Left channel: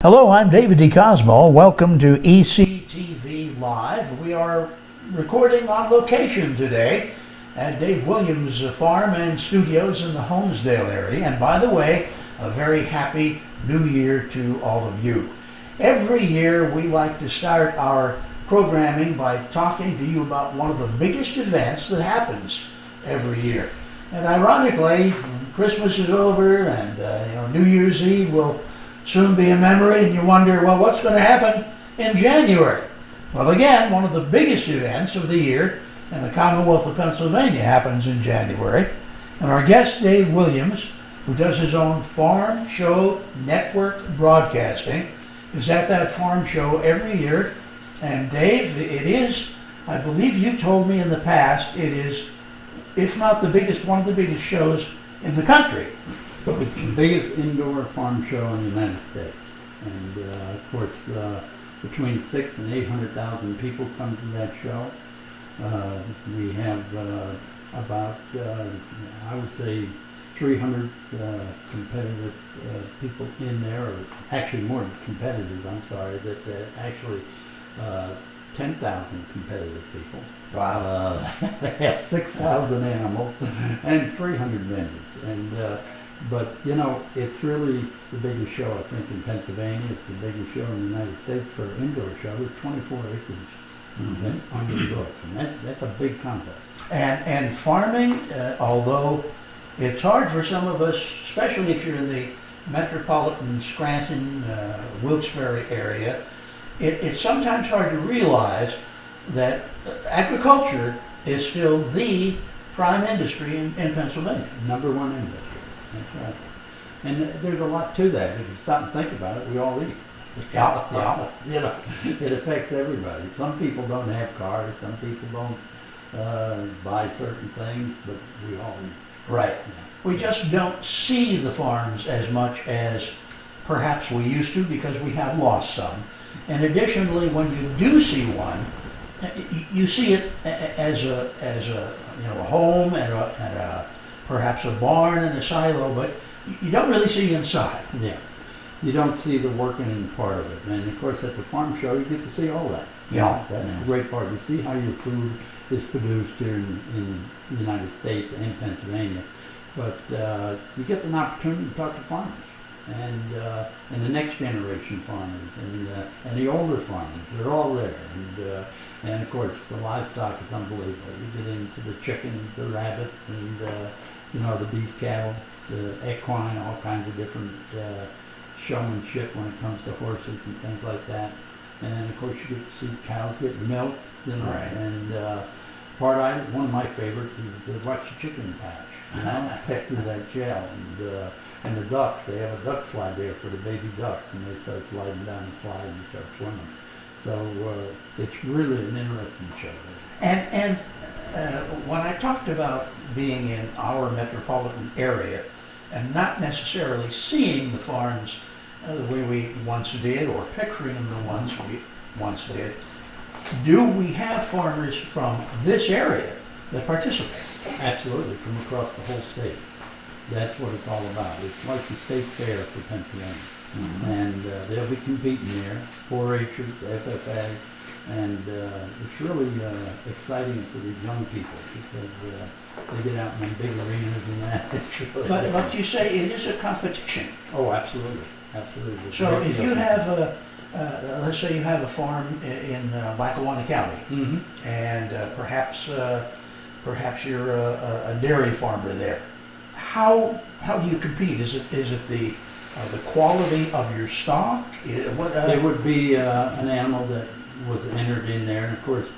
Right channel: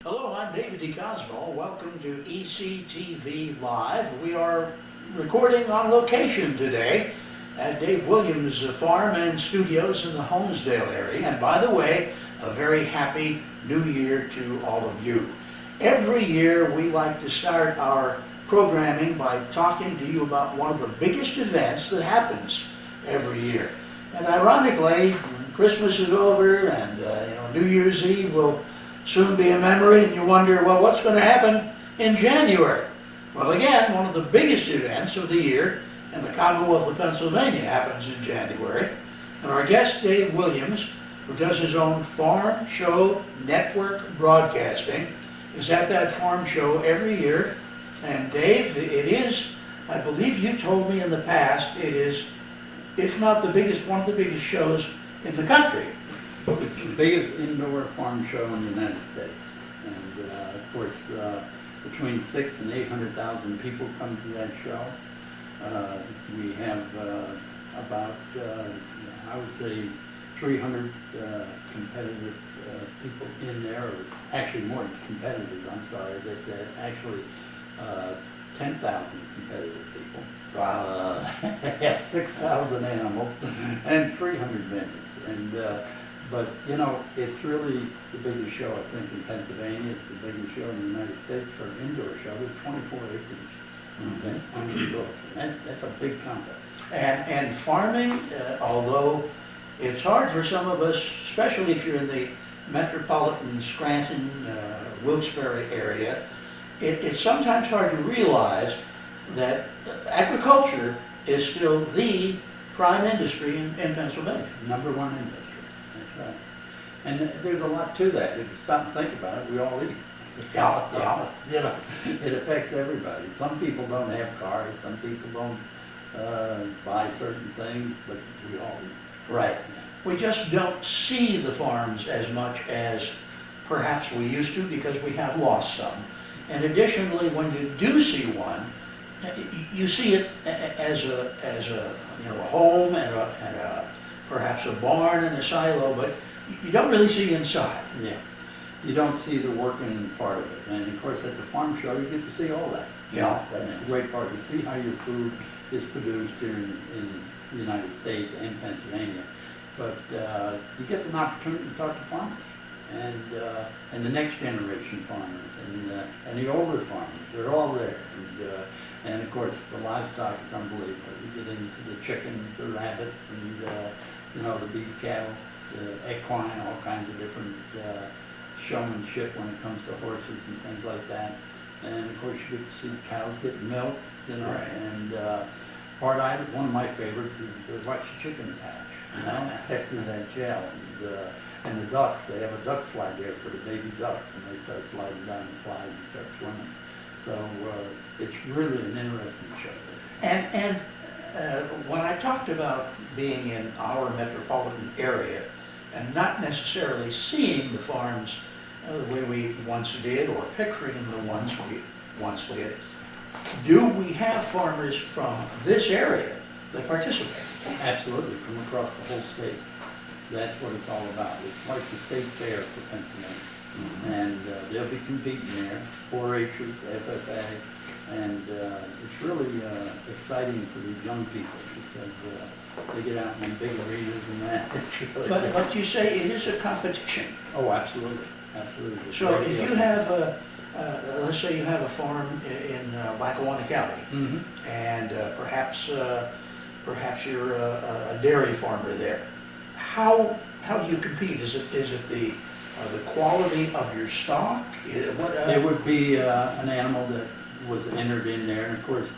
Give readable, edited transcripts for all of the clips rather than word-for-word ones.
Hello, I'm David DeCosmo. Welcome to ECTV Live. We are recording on location today at Dave Williams' farm and studios in the Holmesdale area. And by the way, a very happy new year to all of you. Every year we like to start our programming by talking to you about one of the biggest events that happens every year. And ironically, when Christmas is over and New Year's Eve will soon be a memory, and you wonder, well, what's going to happen in January? Well, again, one of the biggest events of the year in the Commonwealth of Pennsylvania happens in January. And our guest, Dave Williams, who does his own farm show network broadcasting, is at that farm show every year. And Dave, it is, I believe you told me in the past, it is, if not the biggest, one of the biggest shows in the country. It's the biggest indoor farm show in the United States, and of course, between 600,000 and 800,000 people come to that show. We have about, I would say, 300 competitive people in there, or actually more competitive. I'm sorry, that actually 10,000 competitive people. Wow. They have 6,000 animals and 300 vendors, and. But, you know, it's really the biggest show, I think, in Pennsylvania. It's the biggest show in the United States for an indoor show. There's 24 acres. That's on the books, and that's a big contest. And farming, although it's hard for some of us, especially if you're in the metropolitan Scranton, Wilkes-Barre area, it's sometimes hard to realize that agriculture is still the prime industry in Pennsylvania. Number one industry. That's right. And there's a lot to that. If you stop and think about it, we all eat. Yeah. You know, it affects everybody. Some people don't have cars. Some people don't buy certain things, but we all eat. Right. We just don't see the farms as much as perhaps we used to because we have lost some. And additionally, when you do see one, you see it as a home and perhaps a barn and a silo, but you don't really see inside. Yeah. You don't see the working part of it. And of course at the farm show you get to see all that. Yeah. That's the great part. You see how your food is produced here in the United States and Pennsylvania. But you get an opportunity to talk to farmers and the next generation farmers and the older farmers. They're all there. And of course the livestock is unbelievable. You get into the chickens, the rabbits, and the beef cattle, the equine, all kinds of different showmanship when it comes to horses and things like that. And of course you get to see cows get milk, Right. And one of my favorites is to watch the chickens hatch, peck through that gel. And the ducks, they have a duck slide there for the baby ducks, and they start sliding down the slide and start swimming. So it's really an interesting show. And when I talked about being in our metropolitan area and not necessarily seeing the farms the way we once did or picturing the ones we once did, do we have farmers from this area that participate? Absolutely, from across the whole state. That's what it's all about. It's like the state fair for Pennsylvania. Mm-hmm. And they'll be competing there, 4-H'ers, FFA, and it's really exciting for the young people because they get out in the big arenas and that. It's really But you say it is a competition. Oh, absolutely, absolutely. So if you have let's say you have a farm in Lackawanna County, mm-hmm. and perhaps you're a dairy farmer there. How do you compete? Is it the quality of your stock? It would be an animal that was entered in there, and of course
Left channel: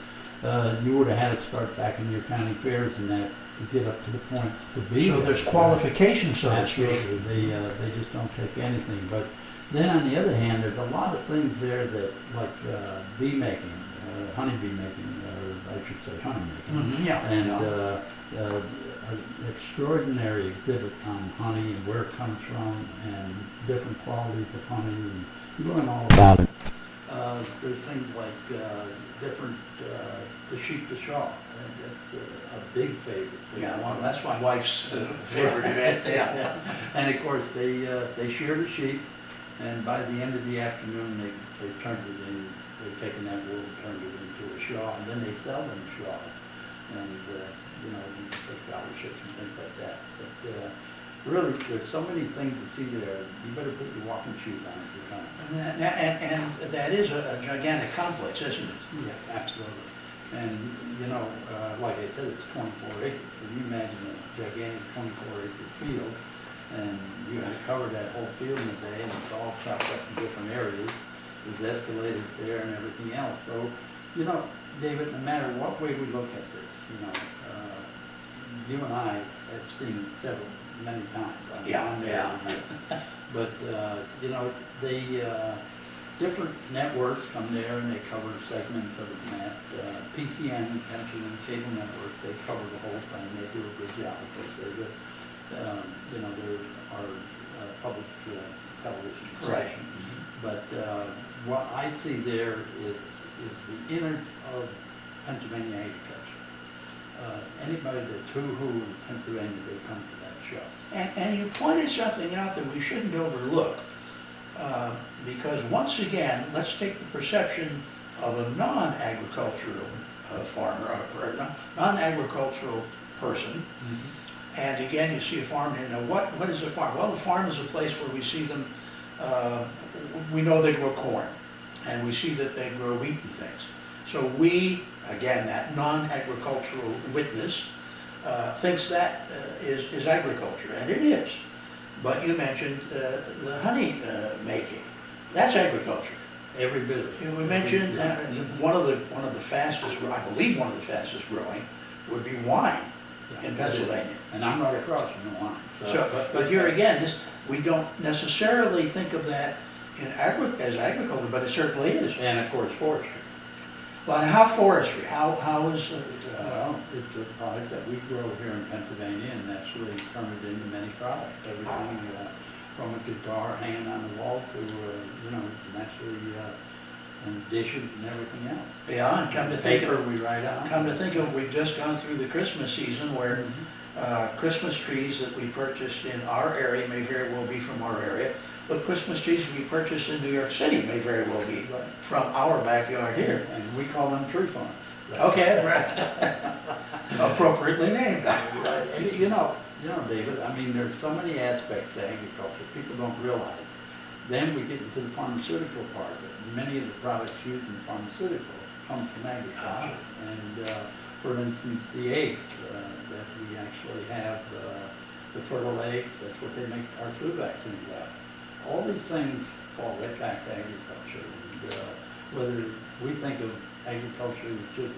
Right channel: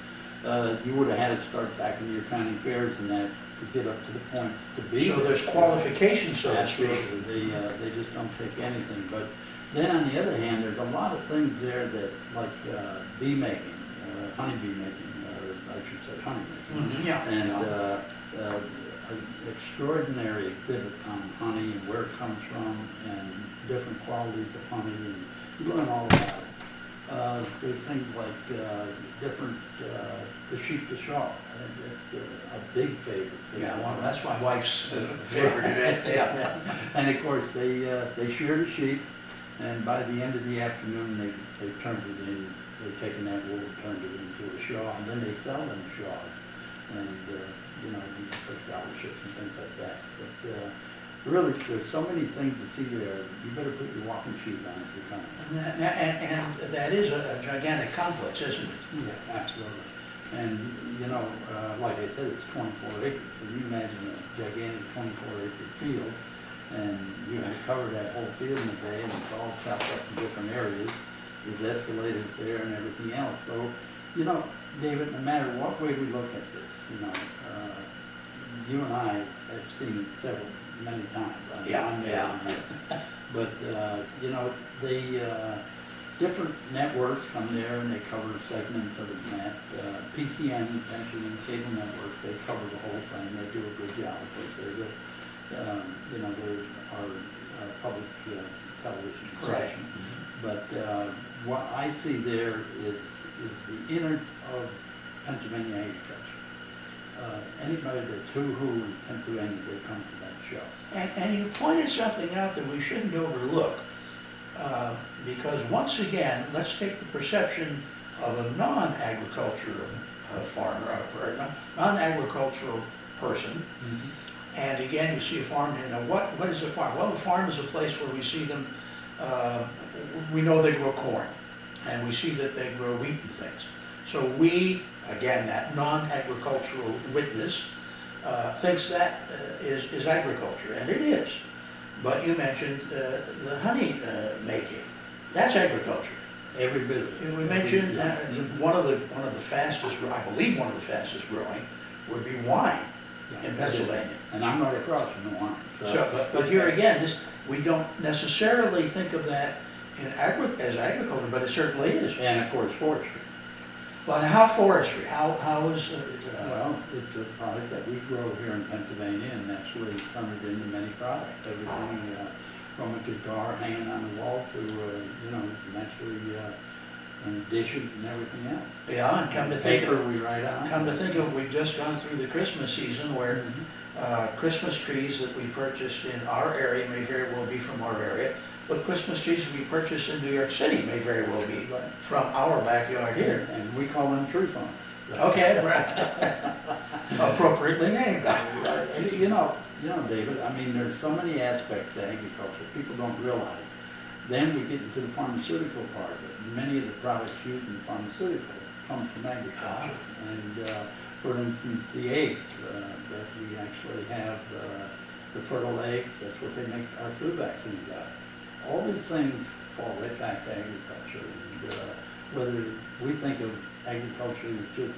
you would have had to start back in your county fairs and that to get up to the point to be. So there's qualifications, so to speak. Absolutely. They just don't take anything. But then on the other hand, there's a lot of things there that like bee making, honeybee making, or I should say honey making. Mm-hmm. Yeah. And an extraordinary exhibit on honey and where it comes from and different qualities of honey, and you learn all about it. There's things like different, the sheep to shawl. That's a big favorite. Yeah, well, that's my wife's favorite event. Yeah. And of course they shear the sheep, And by the end of the afternoon, they turned it in, they've taken that wool and turned it into a shawl, and then they sell them shawls. And, you know, you can put scholarships and things like that. But really, there's so many things to see there. You better put your walking shoes on if you're coming. And that is a gigantic complex, isn't it? Yeah, absolutely. And, you know, like I said, it's 24 acres. Can you imagine a gigantic 24-acre field? And you have to cover that whole field in a day, and it's all chopped up in different areas. There's escalators there and everything else. So, you know, David, no matter what way we look at this, you know, you and I have seen it many times. I mean, I'm there every year. But, you know, different networks come there and they cover segments of the net. PCN, Pension and Cable Network, they cover the whole thing. They do a good job. Of course, they're good. You know, there are public television station. But what I see there is the innards of Pennsylvania agriculture. Anybody that's who in Pennsylvania, they come to that show. And you pointed something out that we shouldn't overlook, because once again, let's take the perception of a non-agricultural farmer, or non-agricultural person. And again, you see a farm, and what is a farm? Well, a farm is a place where we see them, we know they grow corn, and we see that they grow wheat and things. So we, again, that non-agricultural witness, thinks that is agriculture, and it is. But you mentioned the honey making. That's agriculture. Every bit of it. We mentioned one of the fastest, I believe one of the fastest growing would be wine in Pennsylvania. And I'm right across from the wine. But here again, we don't necessarily think of that as agriculture, but it certainly is. And of course, forestry. Well, how forestry? How is well, it's a product that we grow here in Pennsylvania, and that's really turned it into many products. Everything from a guitar hanging on the wall to, you know, naturally, and dishes and everything else. Yeah, and come to think of, we write on. Come to think of it, we've just gone through the Christmas season where Christmas trees that we purchased in our area may very well be from our area, but Christmas trees we purchased in New York City may very well be from our backyard here. And we call them tree farms. Okay, right. Appropriately named. Right. And you know, David, I mean, there's so many aspects to agriculture people don't realize. Then we get into the pharmaceutical part of it. Many of the products used in pharmaceutical come from agriculture. And for instance, the eggs that we actually have, the fertile eggs, that's what they make our flu vaccines out of. All these things fall right back to agriculture. And whether we think of agriculture as just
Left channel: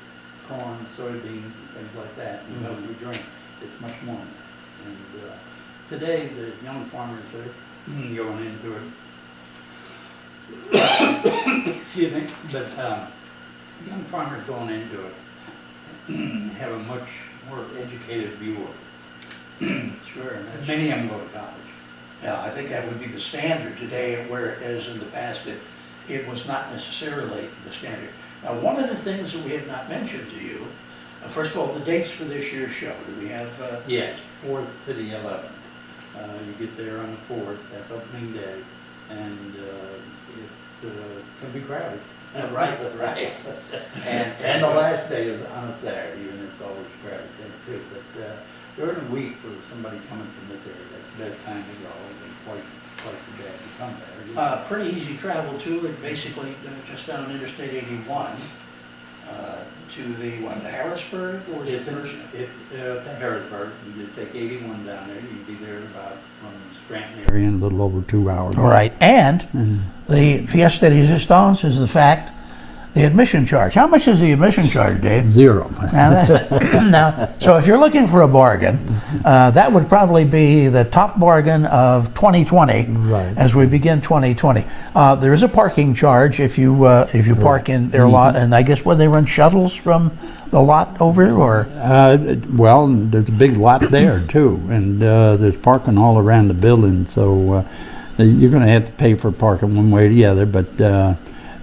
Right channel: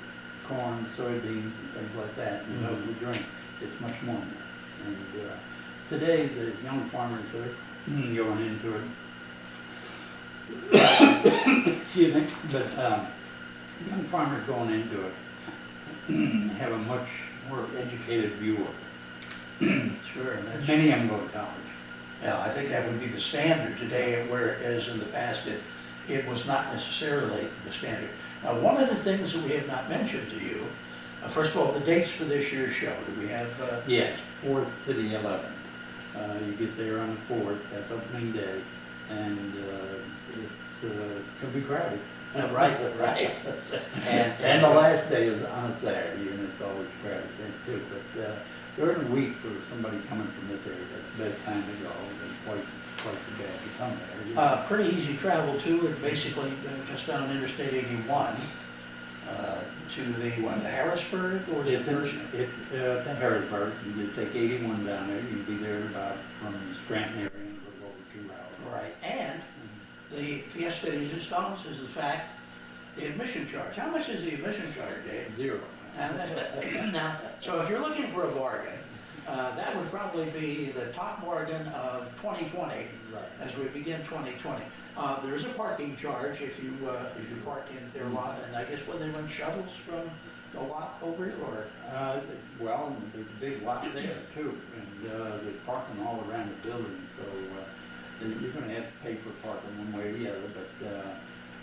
corn, soybeans, and things like that, and milk we drink, it's much more than that. And today, the young farmers are going into it. Excuse me, but young farmers going into it have a much more educated view of it. Sure. Many of them go to college. Yeah, I think that would be the standard today, whereas in the past it was not necessarily the standard. Now, one of the things that we have not mentioned to you, first of all, the dates for this year's show. Do we have? Yes, 4th to the 11th. You get there on the 4th, that's opening day, and it's going to be crowded. Right. And the last day is on a Saturday, and it's always crowded then too. But during the week, for somebody coming from this area, that's the best time to go, and quite the day to come there. Pretty easy travel too. It basically just down Interstate 81 to the Harrisburg, or is it's to Harrisburg. You just take 81 down there. You'd be there about from the Scranton area in a little over 2 hours. Right, and the Fiesta de Resistance is the admission charge. How much is the admission charge, Dave? 0. Now, so if you're looking for a bargain, that would probably be the top bargain of 2020 as we begin 2020. There is a parking charge if you park in their lot, and I guess when they run shuttles from the lot over, or? Well, there's a big lot there too, and there's parking all around the building, so you're going to have to pay for parking one way or the other, but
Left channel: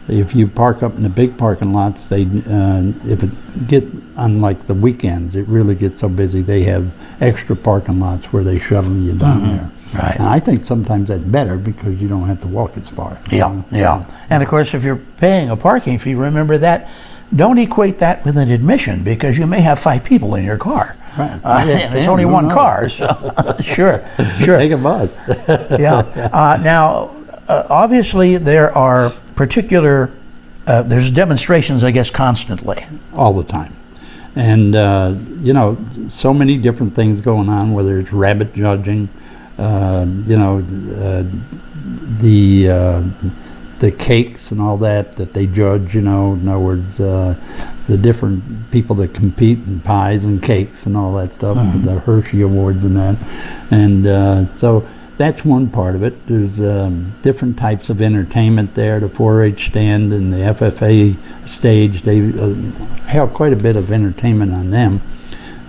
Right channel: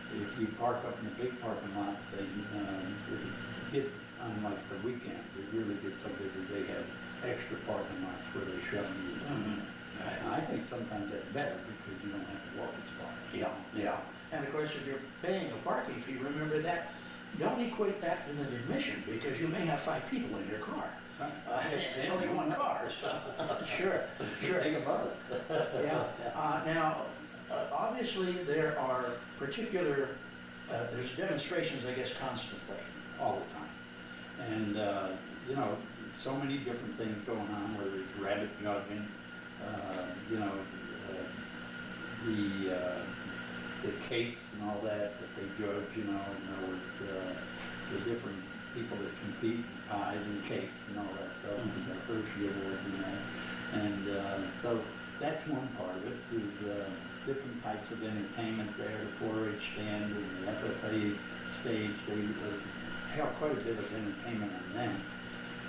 if you park up in the big parking lots, they if it get on like the weekends, it really gets so busy. They have extra parking lots where they shuttle you down there. Right. And I think sometimes that's better because you don't have to walk as far. Yeah, yeah. And of course, if you're paying a parking fee, remember that, don't equate that with an admission, because you may have 5 people in your car. Right. And it's only one car, so sure. Take a bus. Yeah. Now, obviously, there are particular, there's demonstrations, I guess, constantly. All the time. And, you know, so many different things going on, whether it's rabbit judging, you know, the cakes and all that they judge, you know, in other words, the different people that compete in pies and cakes and all that stuff, the Hershey Awards and that. And so that's one part of it. There's different types of entertainment there, the 4-H stand and the FFA stage. They have quite a bit of entertainment on them.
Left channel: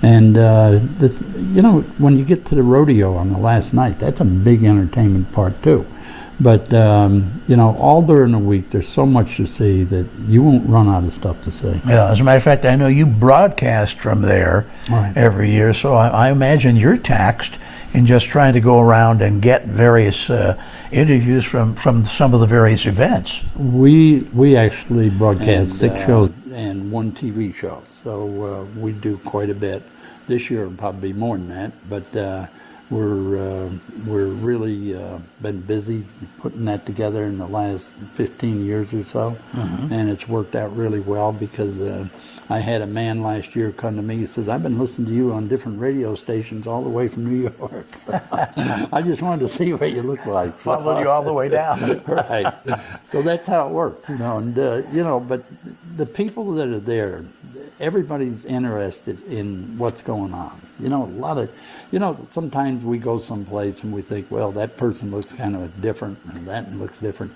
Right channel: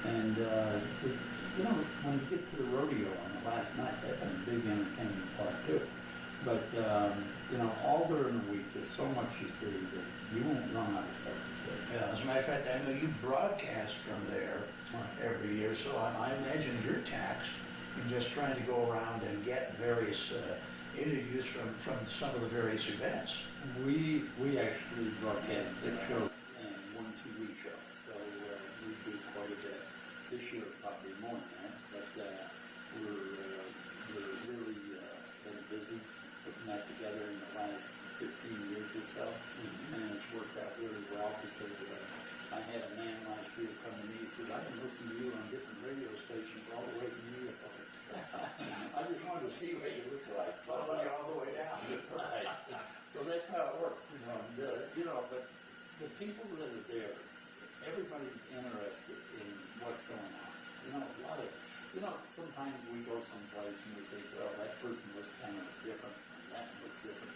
And, you know, when you get to the rodeo on the last night, that's a big entertainment part too. But, you know, all during the week, there's so much to see that you won't run out of stuff to see. Yeah, as a matter of fact, I know you broadcast from there Right. every year, so I imagine you're taxed in just trying to go around and get various interviews from some of the various events. We actually broadcast 6 shows and 1 TV show, so we do quite a bit. This year will probably be more than that, but we're really been busy putting that together in the last 15 years or so, and it's worked out really well because I had a man last year come to me. He says, "I've been listening to you on different radio stations all the way from New York. I just wanted to see what you look like." Followed you all the way down. Right. So that's how it works, you know. And you know, but the people that are there, everybody's interested in what's going on. You know, a lot of, you know, sometimes we go someplace and we think, well, that person looks kind of different, and that looks different.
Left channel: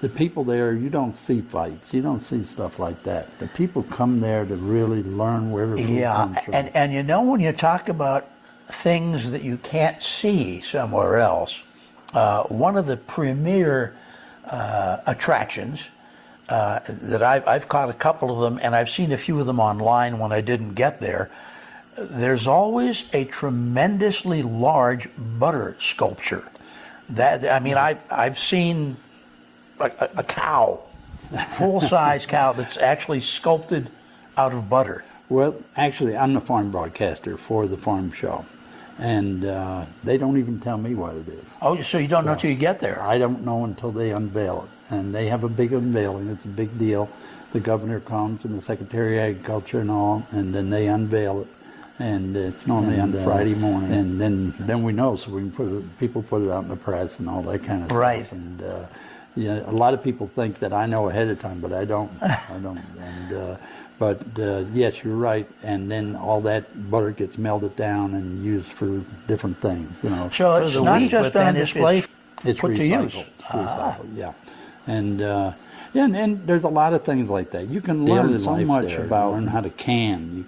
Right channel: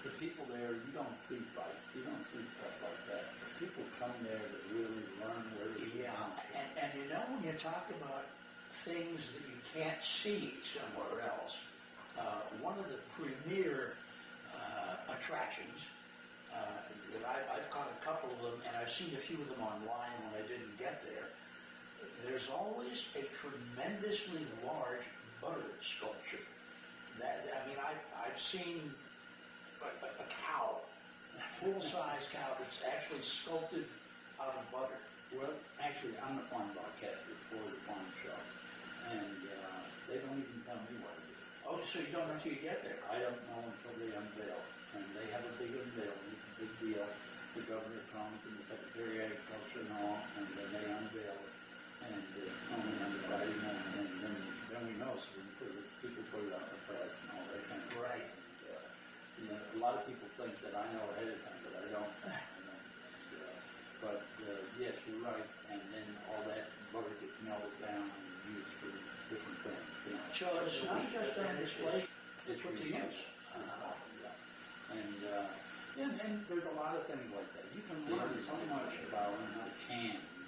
The people there, you don't see fights, you don't see stuff like that. The people come there to really learn where the food comes from. And you know, when you talk about things that you can't see somewhere else, one of the premier attractions that I've caught a couple of them, and I've seen a few of them online when I didn't get there. There's always a tremendously large butter sculpture. That, I mean, I've seen a cow, full-size cow that's actually sculpted out of butter. Well, actually, I'm the farm broadcaster for the farm show, and they don't even tell me what it is. Oh, so you don't know till you get there? I don't know until they unveil it, and they have a big unveiling. It's a big deal. The governor comes and the Secretary of Agriculture and all, and then they unveil it, and it's normally on Friday morning, and then we know, so we can put it, people put it out in the press and all that kind of Right. stuff. And yeah, a lot of people think that I know ahead of time, but I don't. I don't. And but yes, you're right. And then all that butter gets melted down and used for different things. You know. So it's not just on display, It's put to recycled. use. It's recycled, yeah. And yeah, and there's a lot of things like that. You can learn so much about learn how to can.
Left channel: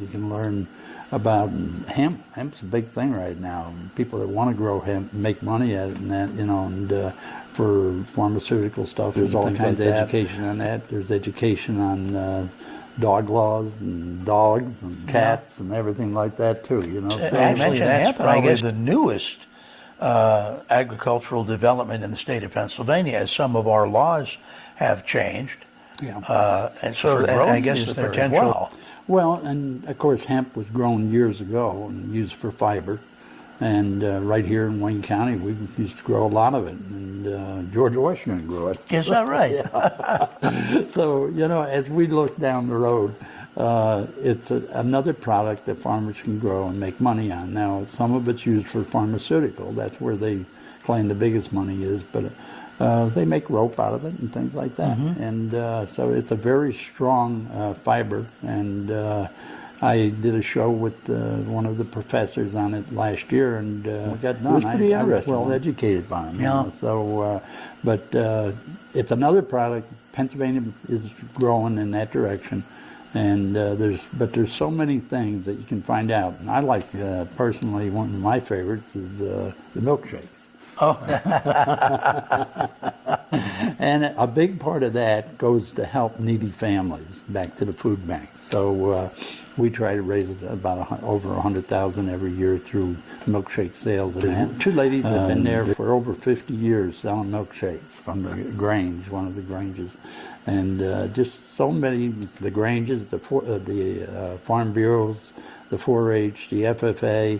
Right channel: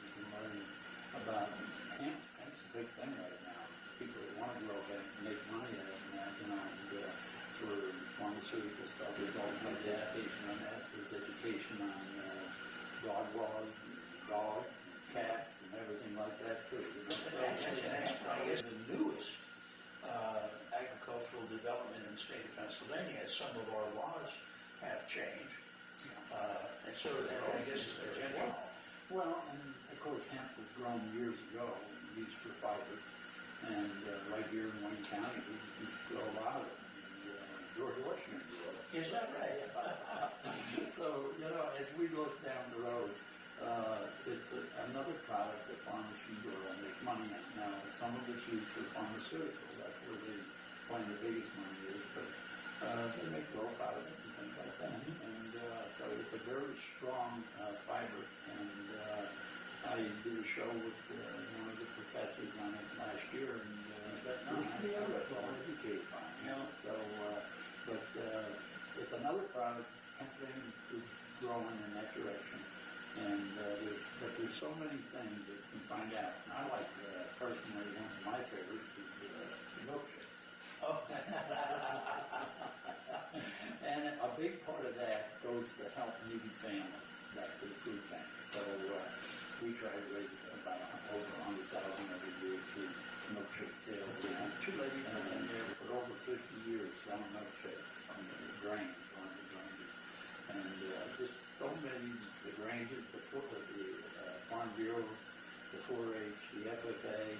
You can learn about hemp. Hemp's a big thing right now. People that want to grow hemp make money at it, and that, you know, and for pharmaceutical stuff. There's all kinds of education on that. There's education on dog laws and dogs and cats and everything like that too. You know, so I mentioned hemp, but I guess the newest agricultural development in the state of Pennsylvania, as some of our laws have changed. Yeah. And so and I guess the potential. Well, and of course hemp was grown years ago and used for fiber. And right here in Wayne County, we used to grow a lot of it. And George Washington grew it. Is that right? So, you know, as we look down the road, it's another product that farmers can grow and make money on. Now, some of it's used for pharmaceutical. That's where they claim the biggest money is. But they make rope out of it and things like that. Mm-hmm. And so it's a very strong fiber. And I did a show with one of the professors on it last year, and we got done. It was pretty interesting. I was well educated by him. Yeah. You know? So, but it's another product. Pennsylvania is growing in that direction, and there's so many things that you can find out. And I like personally, one of my favorites is the milkshakes. Oh, And a big part of that goes to help needy families back to the food bank. So we try to raise about over 100,000 every year through milkshake sales. And two ladies have been there for over 50 years selling milkshakes from the Grange, one of the Granges. And just so many, the Granges, the Farm Bureaus, the 4-H, the FFA,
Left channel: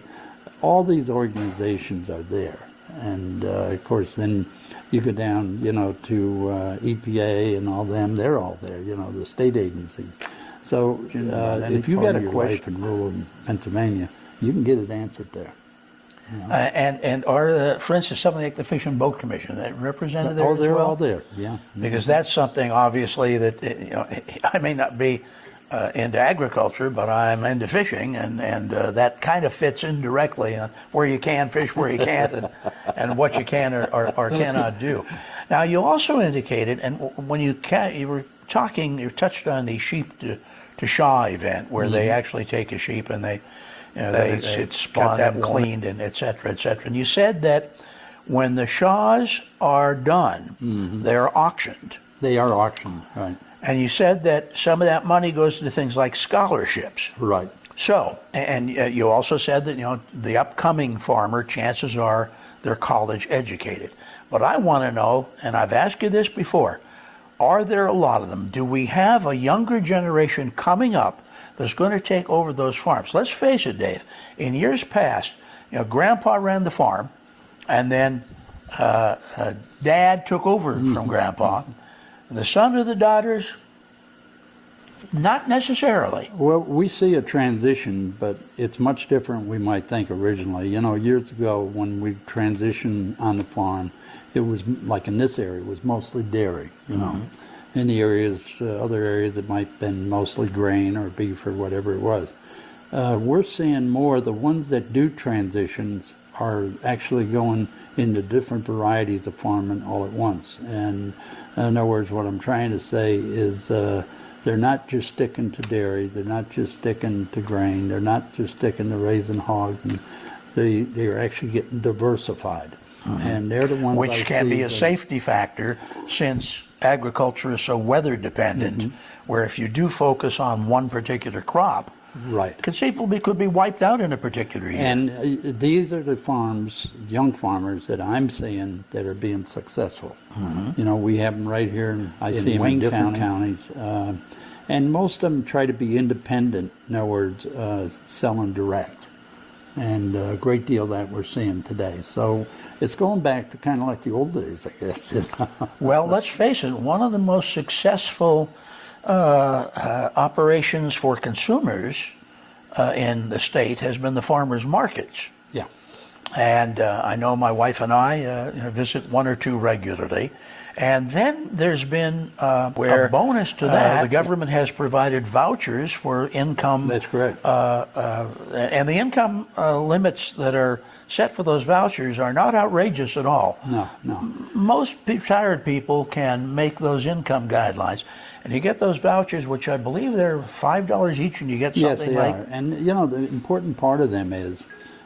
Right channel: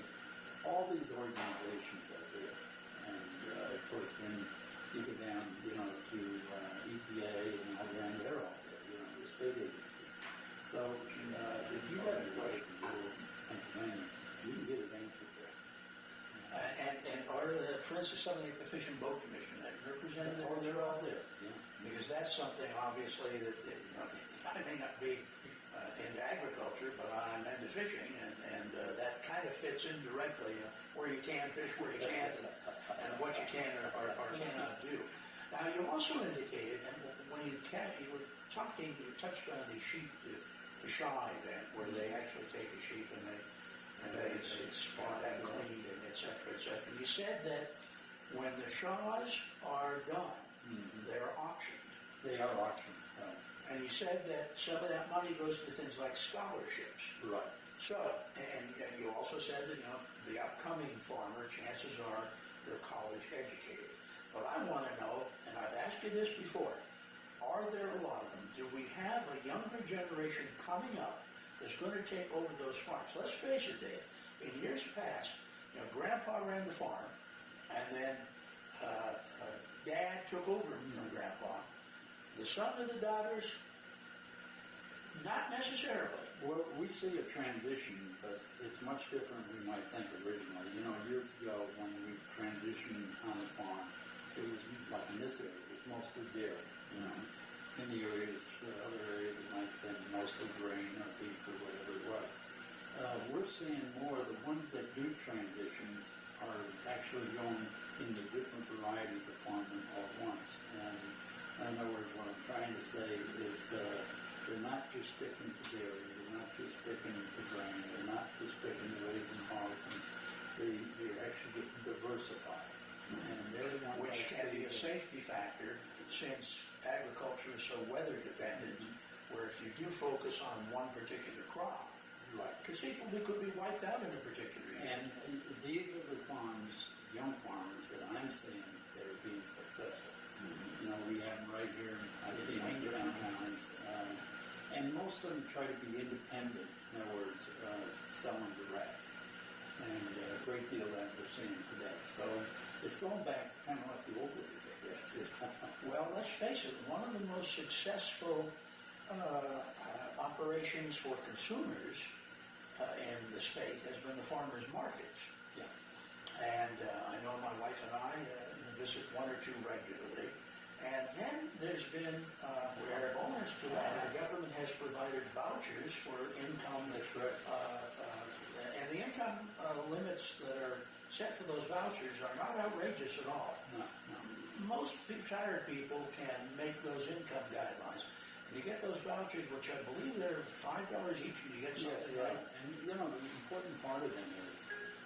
all these organizations are there. And of course, then you go down, to EPA and all them, they're all there, the state agencies. So if you got a question in rural Pennsylvania, you can get it answered there. and are, for instance, something like the Fish and Boat Commission, that represented there as well? They're all there, yeah. Because that's something, obviously, that, I may not be into agriculture, but I'm into fishing, and that kind of fits indirectly on where you can fish, where you can't, and what you can or cannot do. Now, you also indicated, and when you touched on the sheep to Shaw event, where they actually take a sheep and they get them cleaned and et cetera, and you said that when the Shaws are done, they're auctioned. They are auctioned, right. And you said that some of that money goes to things like scholarships. Right. So, and you also said that, the upcoming farmer, chances are they're college educated. But I want to know, and I've asked you this before, are there a lot of them? Do we have a younger generation coming up that's going to take over those farms? Let's face it, Dave, in years past, Grandpa ran the farm, and then Dad took over from Grandpa. The son or the daughters, not necessarily. Well, we see a transition, but it's much different we might think originally. Years ago when we transitioned on the farm, it was like in this area, it was mostly dairy, In the areas, other areas, it might have been mostly grain or beef or whatever it was. We're seeing more, the ones that do transitions are actually going into different varieties of farming all at once. And in other words, what I'm trying to say is they're not just sticking to dairy, they're not just sticking to grain, they're not just sticking to raising hogs, and they're actually getting diversified. And they're the ones which can be a safety factor, since agriculture is so weather dependent, where if you do focus on one particular crop, right, conceivably could be wiped out in a particular year. And these are the farms, young farmers, that I'm seeing that are being successful. We have them right here. I see them in different counties. And most of them try to be independent, in other words, selling direct. And a great deal of that we're seeing today. So it's going back to kind of like the old days, I guess. Well, let's face it, one of the most successful operations for consumers in the state has been the farmers markets. Yeah. And I know my wife and I visit one or two regularly. And then there's been where a bonus to that, the government has provided vouchers for income. That's correct. And the income limits that are set for those vouchers are not outrageous at all. No. Most retired people can make those income guidelines. And you get those vouchers, which I believe they're $5 each, and you get something like... Yes, they are. And, the important part of them is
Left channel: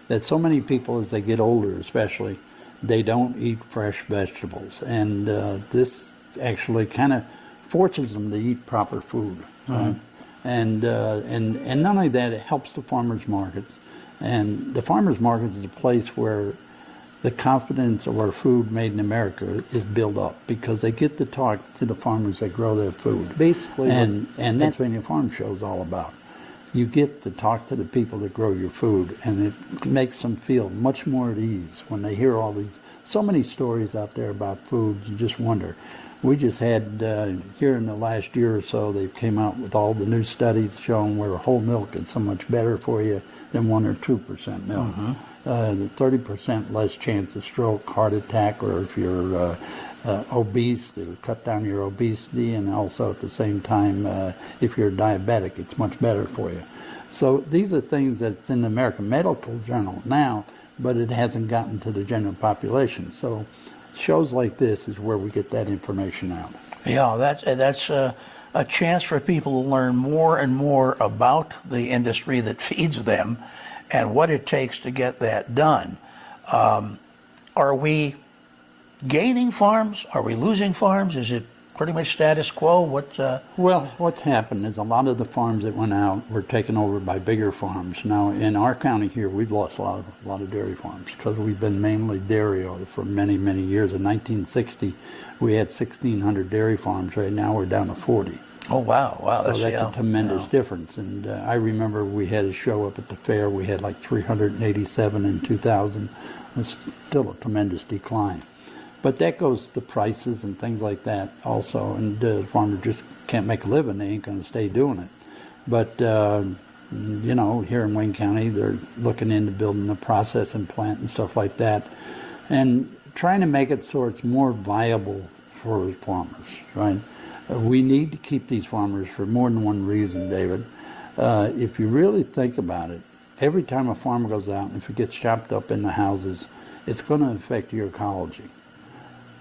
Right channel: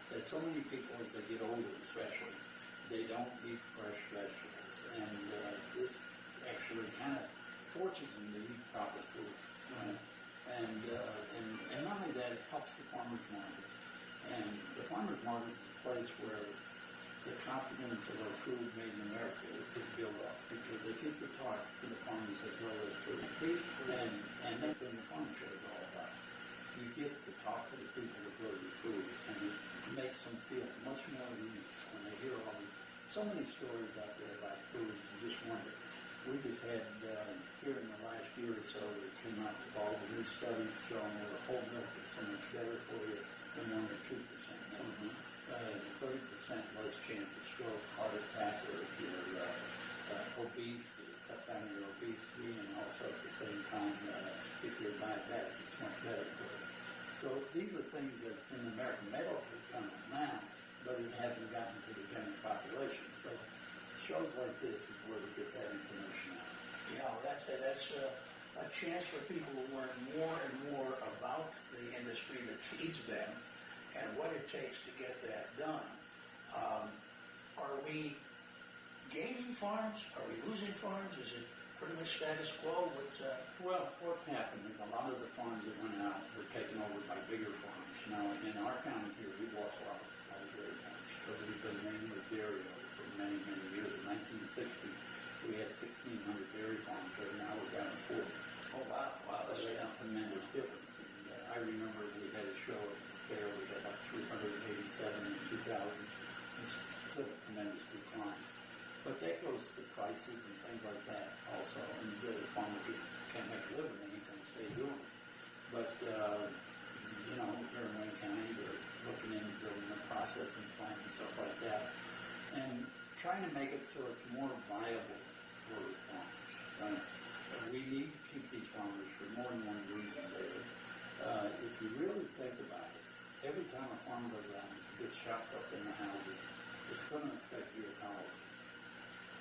that so many people, as they get older especially, they don't eat fresh vegetables. And this actually kind of forces them to eat proper food. Right? And not only that, it helps the farmers markets. And the farmers markets is a place where the confidence of our food made in America is built up, because they get to talk to the farmers that grow their food. Basically, and that's what the farm show is all about. You get to talk to the people that grow your food, and it makes them feel much more at ease when they hear all these, so many stories out there about food. You just wonder. We just had, here in the last year or so, they came out with all the new studies showing where whole milk is so much better for you than 1 or 2% milk. 30% less chance of stroke, heart attack, or if you're obese, it'll cut down your obesity, and also at the same time, if you're diabetic, it's much better for you. So these are things that's in the American Medical Journal now, but it hasn't gotten to the general population. So shows like this is where we get that information out. Yeah, that's a chance for people to learn more and more about the industry that feeds them and what it takes to get that done. Are we gaining farms? Are we losing farms? Is it pretty much status quo? Well, what's happened is a lot of the farms that went out were taken over by bigger farms. Now, in our county here, we've lost a lot of dairy farms because we've been mainly dairy for many, many years. In 1960, we had 1,600 dairy farms. Right now, we're down to 40. Oh, wow. So that's a tremendous difference. And I remember we had a show up at the fair. We had like 387 in 2000. It's still a tremendous decline. But that goes to prices and things like that also. And the farmer just can't make a living. They ain't going to stay doing it. But, you know, here in Wayne County, they're looking into building a processing plant and stuff like that. And trying to make it so it's more viable for farmers, right? We need to keep these farmers for more than one reason, David. If you really think about it, every time a farmer goes out, if it gets chopped up in the houses, it's going to affect your ecology.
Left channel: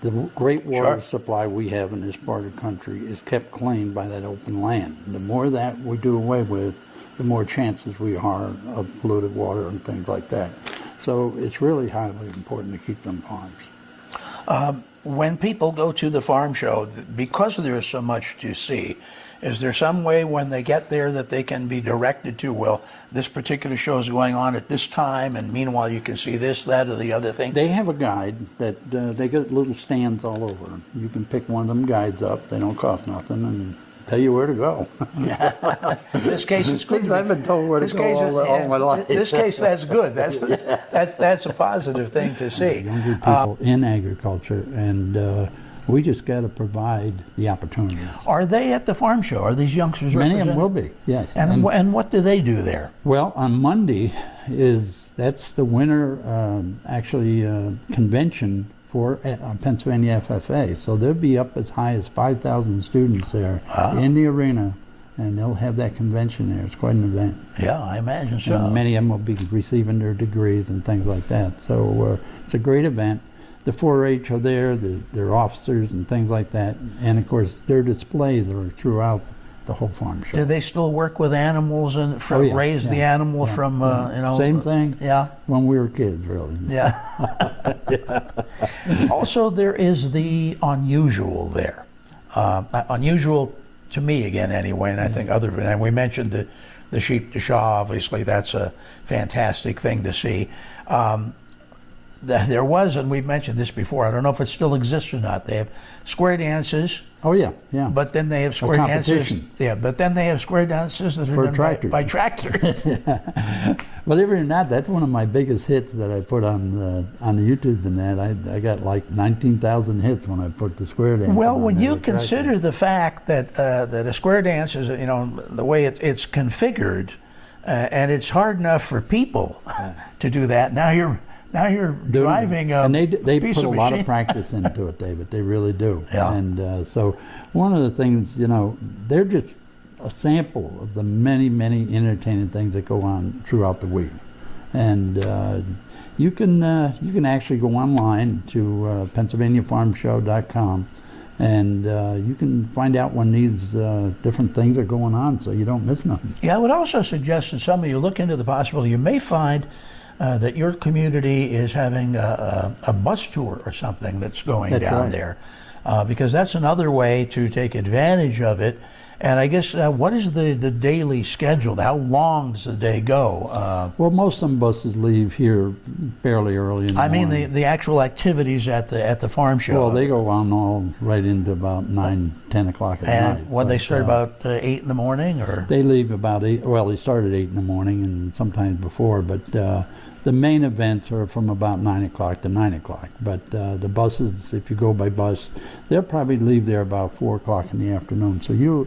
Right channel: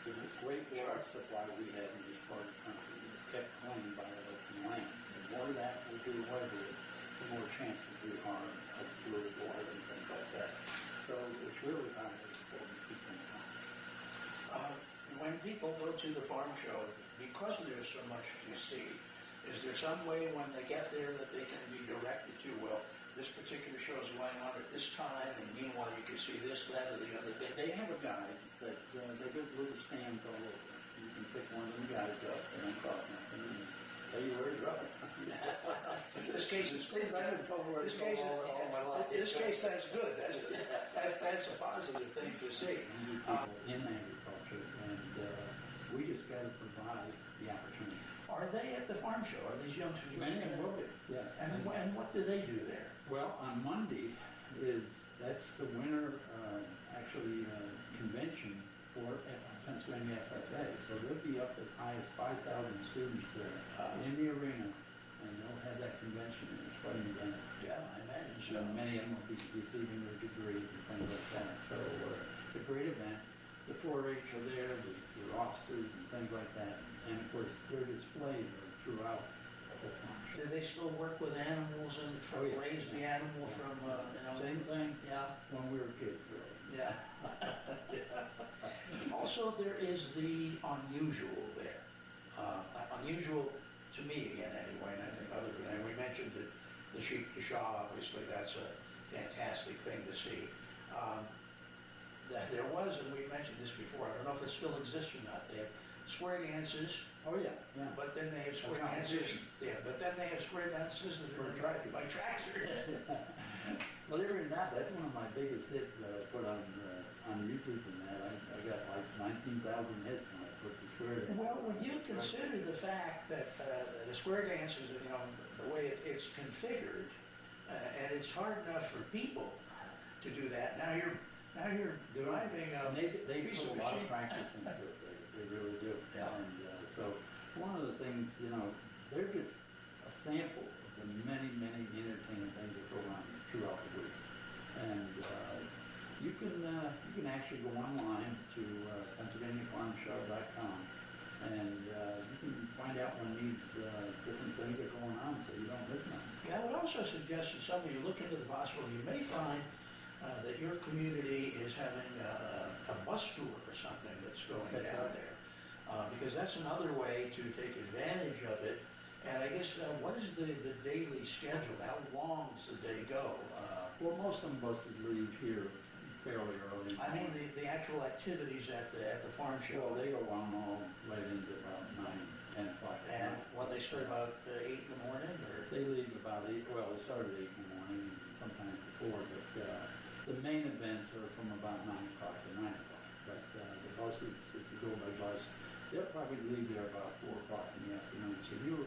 The great water supply we have in this part of the country is kept clean by that open land. The more that we do away with, the more chances we are of polluted water and things like that. So it's really highly important to keep them farms. When people go to the farm show, because there is so much to see, is there some way when they get there that they can be directed to, well, this particular show is going on at this time, and meanwhile you can see this, that, or the other thing? They have a guide that they got little stands all over. You can pick one of them guides up. They don't cost nothing and tell you where to go. In this case, it's good. I've been told where to go all my life. In this case, that's good. That's a positive thing to see. Younger people in agriculture, and we just got to provide the opportunity. Are they at the farm show? Are these youngsters Many of represented? them will be, yes. And what do they do there? Well, on Monday that's the winter convention for Pennsylvania FFA. So they'll be up as high as 5,000 students there in the arena, and they'll have that convention there. It's quite an event. Yeah, I imagine so. And many of them will be receiving their degrees and things like that. So it's a great event. The 4-H are there, their officers and things like that. And of course, their displays are throughout the whole farm show. Do they still work with animals and raise the animal from, you know? Same thing. Yeah. When we were kids, really. Yeah. Also, there is the unusual there. Unusual to me, again, anyway, and I think and we mentioned the sheep to Shaw, obviously, that's a fantastic thing to see. There was, and we've mentioned this before, I don't know if it still exists or not, they have square dances. Oh, yeah. But then they have square dances. Yeah, but then they have square dances that are done by tractors. Believe it or not, that's one of my biggest hits that I put on the YouTube and that. I got like 19,000 hits when I put the square dance. Well, when you consider the fact that that a square dance is, you know, the way it's configured, and it's hard enough for people to do that. Now you're driving a and they piece put a of lot machine. of practice into it, David. They really do. Yeah. And so one of the things, you know, they're just a sample of the many, many entertaining things that go on throughout the week. And you can actually go online to PennsylvaniaFarmShow.com, and you can find out when these different things are going on, so you don't miss nothing. Yeah, I would also suggest that some of you look into the possibility. You may find that your community is having a bus tour or something that's going down there, because that's another way to take advantage of it. And I guess, what is the daily schedule? How long does the day go? Well, most of them buses leave here fairly early in the morning. I mean, the actual activities at the farm show. Well, they go on all right into about 9, 10 o'clock at night. And when they start about 8 in the morning, or? They leave about 8, well, they start at 8 in the morning and sometimes before, but the main events are from about 9 o'clock to 9 o'clock. But the buses, if you go by bus, they'll probably leave there about 4 o'clock in the afternoon. So you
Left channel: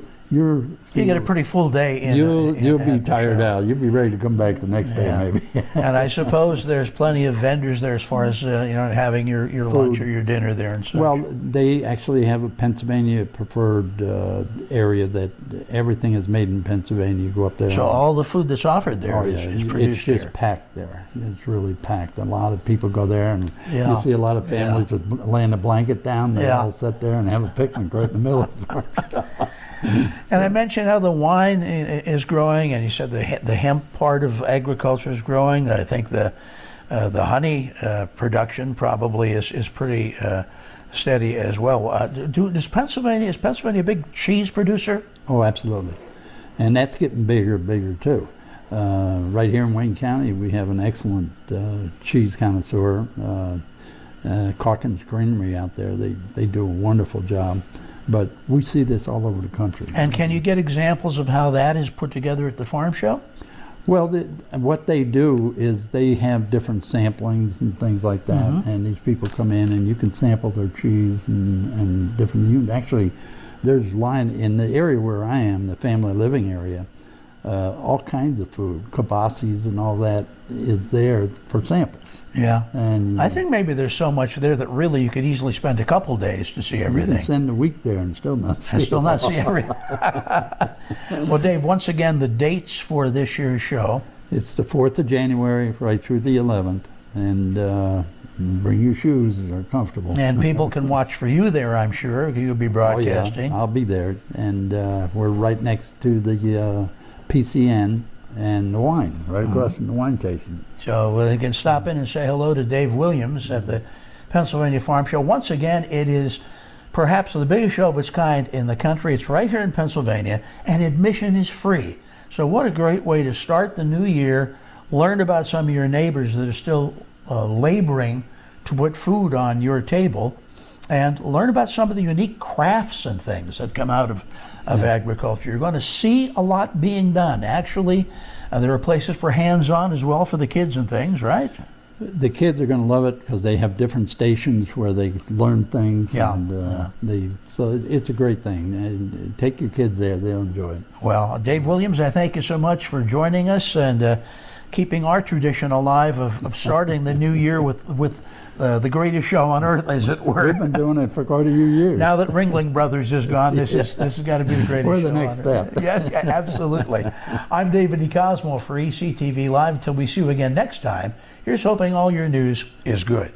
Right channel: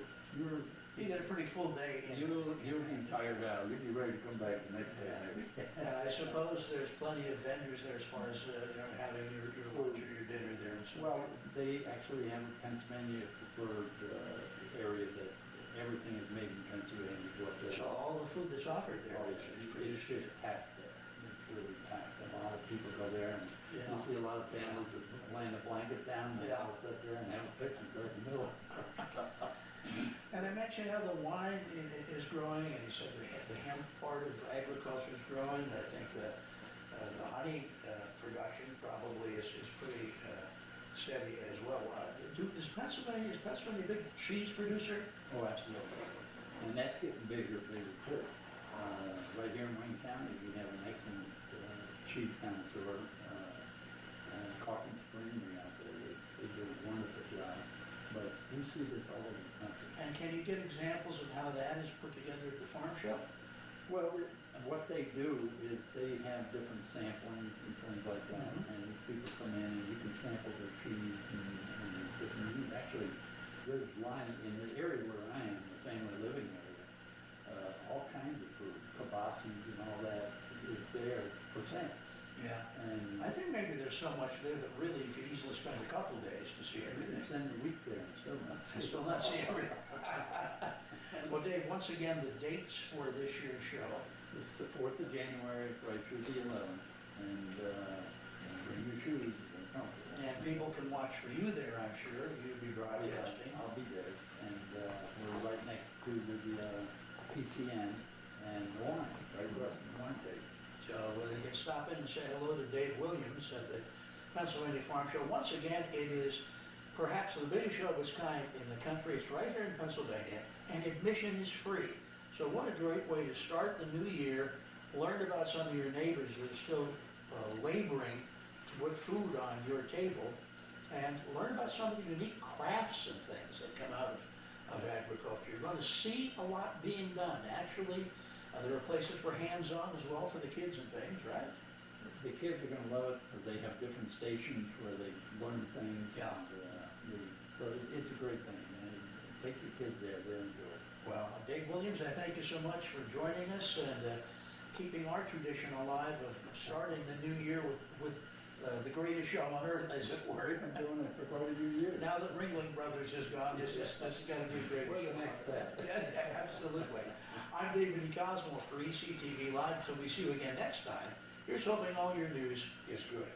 get a pretty full day. You'll be tired out. You'll be ready to come back the next day, maybe. And I suppose there's plenty of vendors there as far as you know, having your lunch or your dinner there and stuff. Well, they actually have a Pennsylvania preferred area that everything is made in Pennsylvania. You go up there. So all the food that's offered there is produced here. It's just packed there. It's really packed. A lot of people go there, and you see a lot of families with laying a blanket down. They all sit there and have a picnic right in the middle of the And I mentioned how the wine is growing, and you said the hemp part of agriculture is growing. I think the honey production probably is pretty steady as well. Is Pennsylvania a big cheese producer? Oh, absolutely. And that's getting bigger and bigger too. Right here in Wayne County, we have an excellent cheese connoisseur, Calkins Creamery out there. They do a wonderful job. But we see this all over the country. And can you get examples of how that is put together at the farm show? Well, what they do is they have different samplings and things like that, and these people come in and you can sample their cheese and different. Actually, there's line in the area where I am, the family living area. All kinds of food, kibasi's and all that is there for samples. Yeah. And I think maybe there's so much there that really you could easily spend a couple days to see everything. You can spend a week there and still not see everything. Well, Dave, once again, the dates for this year's show. It's the 4th of January right through the 11th, and bring your shoes that are comfortable. And people can watch for you there, I'm sure. You'll be broadcasting. Oh, yeah. I'll be there, and we're right next to the PCN and the wine, right across from the wine tasting. So they can stop in and say hello to Dave Williams at the Pennsylvania Farm Show. Once again, it is perhaps the biggest show of its kind in the country. It's right here in Pennsylvania, and admission is free. So what a great way to start the new year, learn about some of your neighbors that are still laboring to put food on your table, and learn about some of the unique crafts and things that come out of agriculture. You're going to see a lot being done. Actually, there are places for hands-on as well for the kids and things, right? The kids are going to love it because they have different stations where they learn things. Yeah. And so it's a great thing. And take your kids there; they'll enjoy it. Well, Dave Williams, I thank you so much for joining us and keeping our tradition alive of starting the new year with the greatest show on earth, as it were. We've been doing it for quite a few years. Now that Ringling Brothers is gone, this has got to be the greatest We're the show next on step. earth. Yeah, absolutely. I'm David DeCosmo for ECTV Live. Until we see you again next time, here's hoping all your news is good.